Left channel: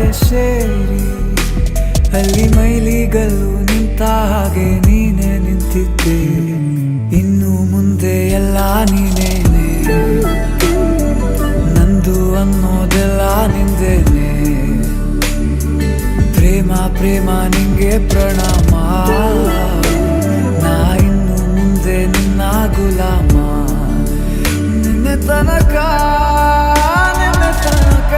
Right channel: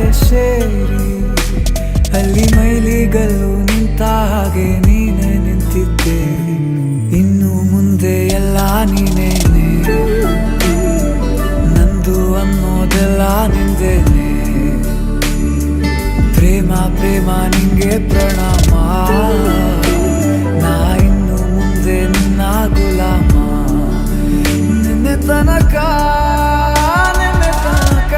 ಜೊತೆ ಸೇರಿ ಅಲ್ಲಿ ಮೈಲಿಗಲ್ಲು ನಿಂತ ಹಾಗೆ ನೀನೆ ನಿಂತಿದ್ದೆ. ಇನ್ನು ಮುಂದೆ ಎಲ್ಲ ನೀನೇನೆ, ನಂದು ಅನ್ನೋದೆಲ್ಲ ನಿಂದೇನೆ. ಪ್ರೇಮ ಪ್ರೇಮ ನಿಂಗೆ ಪ್ರಣಾಮ, ನಾ ಇನ್ನು ಮುಂದೆ ನಿನ್ನ ಗುಲಾಮ. ನಿನ್ನೆ ತನಕ ನಿನ್ನೆ ತನಕ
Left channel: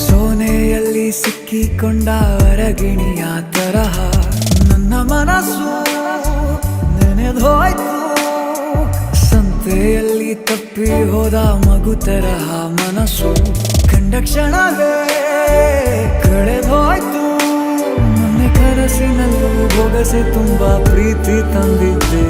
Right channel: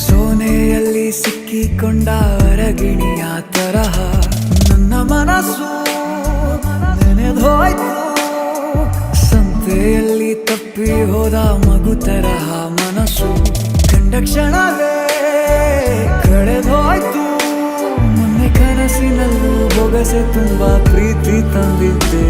ಸೋನೆಯಲ್ಲಿ ಸಿಕ್ಕಿಕೊಂಡ ಹೊರಗಿಣಿಯ ತರಹ ನನ್ನ ಮನಸ್ಸು ನೆನೆದೋಯ್ತು. ಸಂತೆಯಲ್ಲಿ ತಪ್ಪಿ ಹೋದ ಮಗು ತರಹ ಮನಸ್ಸು ಕಂಡ ಕ್ಷಣವೇ ಕಳೆದೋಯ್ತು. ಮೊನ್ನೆ ಕನಸಿನಲ್ಲೂ ಬೊಗಸೆ ತುಂಬಾ ಪ್ರೀತಿ ತಂದಿದ್ದೆ.